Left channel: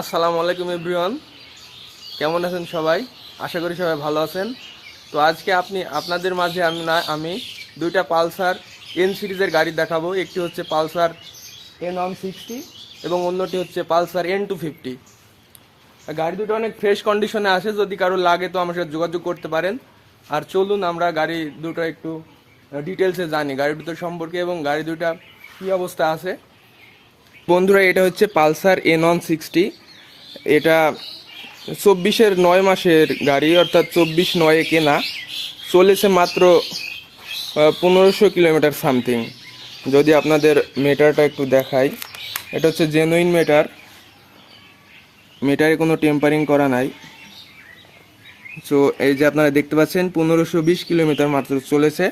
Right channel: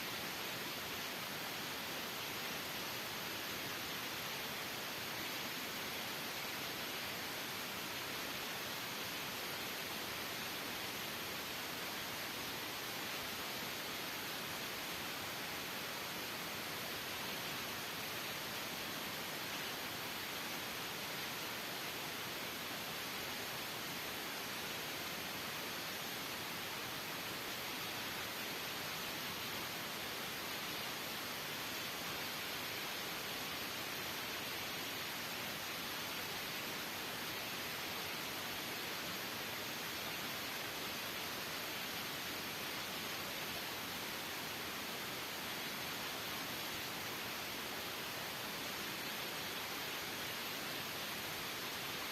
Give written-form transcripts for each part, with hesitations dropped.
আসসালামু আলাইকুম এভরিওয়ান, কেমন আছেন সবাই? আশা করি সবাই ভালো আছেন। তো আজকে আপনাদের মাঝে আমি দুইটা পালসার এন সিরিজের গাড়ি দেখাবো। একটি হচ্ছে পালসার N160 এবং অন্যটি হচ্ছে পালসার N250। গাড়ি দুটো অনেক ফ্রেশ কন্ডিশনে আছে, যদি কারো লাগে তো আমার সাথে যোগাযোগ করতে পারেন। আর চলুন আমরা গাড়ি দুটো একটু ডিটেলসে জানি গাড়ি দুটো সম্পর্কে এবং গাড়ি দুটা কী অবস্থা আছে। বন্ধুরা, এটা হচ্ছে পালসার N160। এটা 9 মাসের গাড়ি, অর্থাৎ 24/9 কেনা। চলেছে মাত্র 1500 কিলোমিটার সামথিং। যদি আপনাদের মিটারটা একটু দেখাই, এটা হচ্ছে জেনুইন মিটারে কোনো টেম্পারিং করা নাই। সো এই যে আপনারা দেখতে পাচ্ছেন 1520 কিলোমিটার মাত্র চলেছে।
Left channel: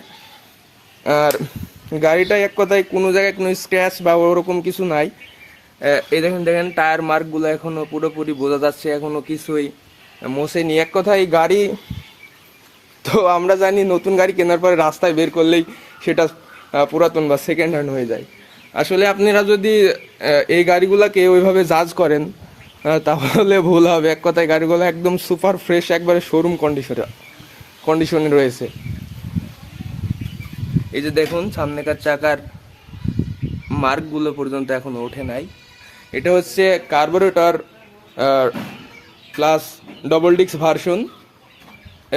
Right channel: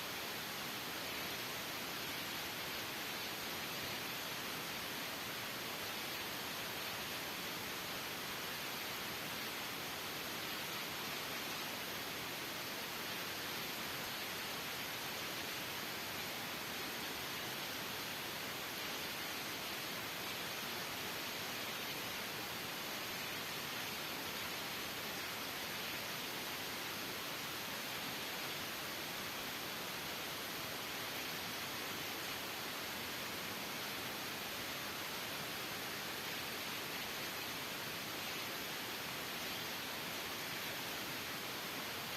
আর গাড়িটা এক কথায় কোনো জায়গায় কোনো স্ক্র্যাচ বা ওরকম কিছু নাই। এই দেখেন টায়ার মার্কগুলো এখনও পুরোপুরি বোঝা যাচ্ছে, এখনও কিছুই মোছেনি। এক কথায় গাড়ি তো আমরা জানি নতুন গাড়ি কেনার পরে রাস্তায় বের করলেই সেটা পুরাতন বা সেকেন্ড হ্যান্ড হয়ে যায়। আসলে আপনারা যদি এই গাড়িগুলোকে ওইভাবে জাজ করেন তাহলে ভুল হবে। এক কথায় গাড়িগুলো একদম সুপার ফ্রেশ, একবারে শোরুম কন্ডিশনে রয়েছে। এই যে দেখুন সামনেকার চাকার মার্কগুলো পর্যন্ত এখনও ওঠে নাই। এটা হচ্ছে carburettor plus double disc version.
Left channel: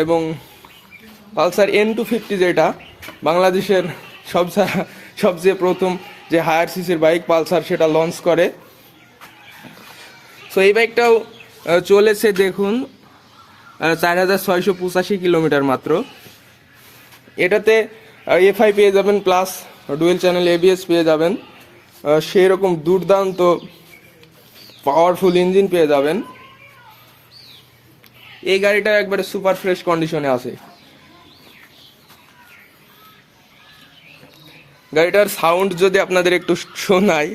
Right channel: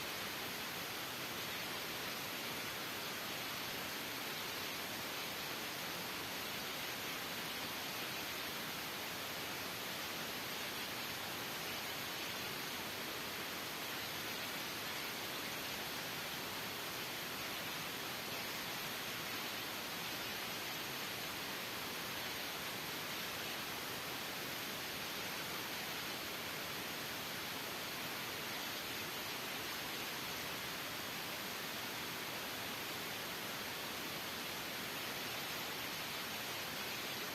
এবং পালসার N250 যেটা বাংলাদেশের সবচেয়ে প্রথম যে হায়ার সিসির বাইক পালসার, সেটা লঞ্চ করে। সো এই বাইকটাও চলেছে দেখুন 4685 কিলোমিটার মাত্র। এটাতে এফআই পেয়ে যাবেন, প্লাস ডুয়েল চ্যানেল ABS পেয়ে যাবেন, সেই রকম দুর্দান্ত পাওয়ারফুল ইঞ্জিন পেয়ে যাবেন। এই গাড়িটা একবারে সুপার ফ্রেশ কন্ডিশনে আছে। গাড়িটার সাউন্ড যদি আপনাদের একটু শোনাই,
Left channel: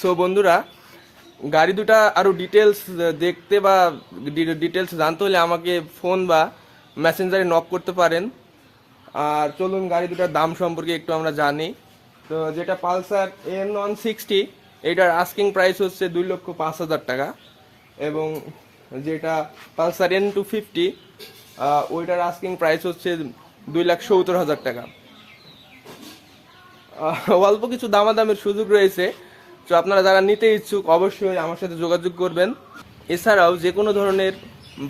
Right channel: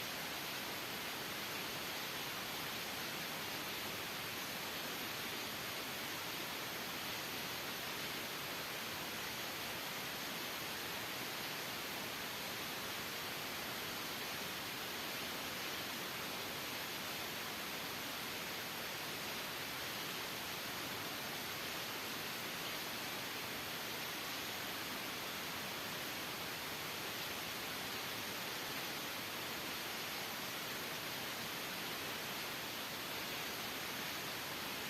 সো বন্ধুরা, গাড়ি দুটা আরও ডিটেলস দেখতে বা ডিটেলস জানতে হলে আমাকে ফোন বা মেসেঞ্জারে নক করতে পারেন। আর চলুন গাড়ি দুটার দাম সম্পর্কে একটু আমরা জানি। তো যেটা পালসার N160, এটার আস্কিং প্রাইস হচ্ছে 2,05,000 টাকা। এবং যেটা পালসার N250, ওইটার আস্কিং প্রাইস হচ্ছে 2,70,000 টাকা। অল্প কিছু দামাদামের সুযোগ রয়েছে। তো আপনারা যারা নিতে ইচ্ছুক অবশ্যই আমার সাথে যোগাযোগ করবেন। এছাড়াও যে কোনো ধরনের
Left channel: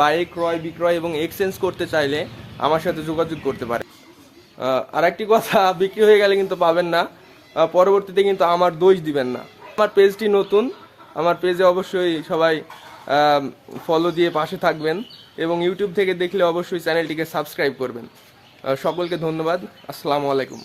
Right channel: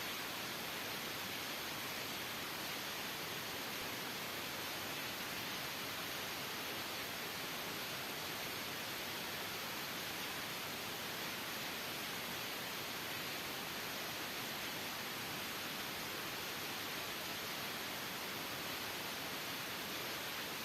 বাইক ক্রয় বিক্রয় এবং এক্সচেঞ্জ করতে চাইলে আমার সাথে যোগাযোগ করতে পারেন। আর একটি কথা, বিক্রি হয়ে গেলে কিন্তু পাবেন না, পরবর্তীতে কিন্তু আমার দোষ দিবেন না। আমার পেজটি নতুন, আমার পেজে অবশ্যই সবাই ফলো দিয়ে পাশে থাকবেন এবং ইউটিউব থেকে দেখলে অবশ্যই চ্যানেলটিকে সাবস্ক্রাইব করবেন। সকলকে ধন্যবাদ। আসসালামু আলাইকুম।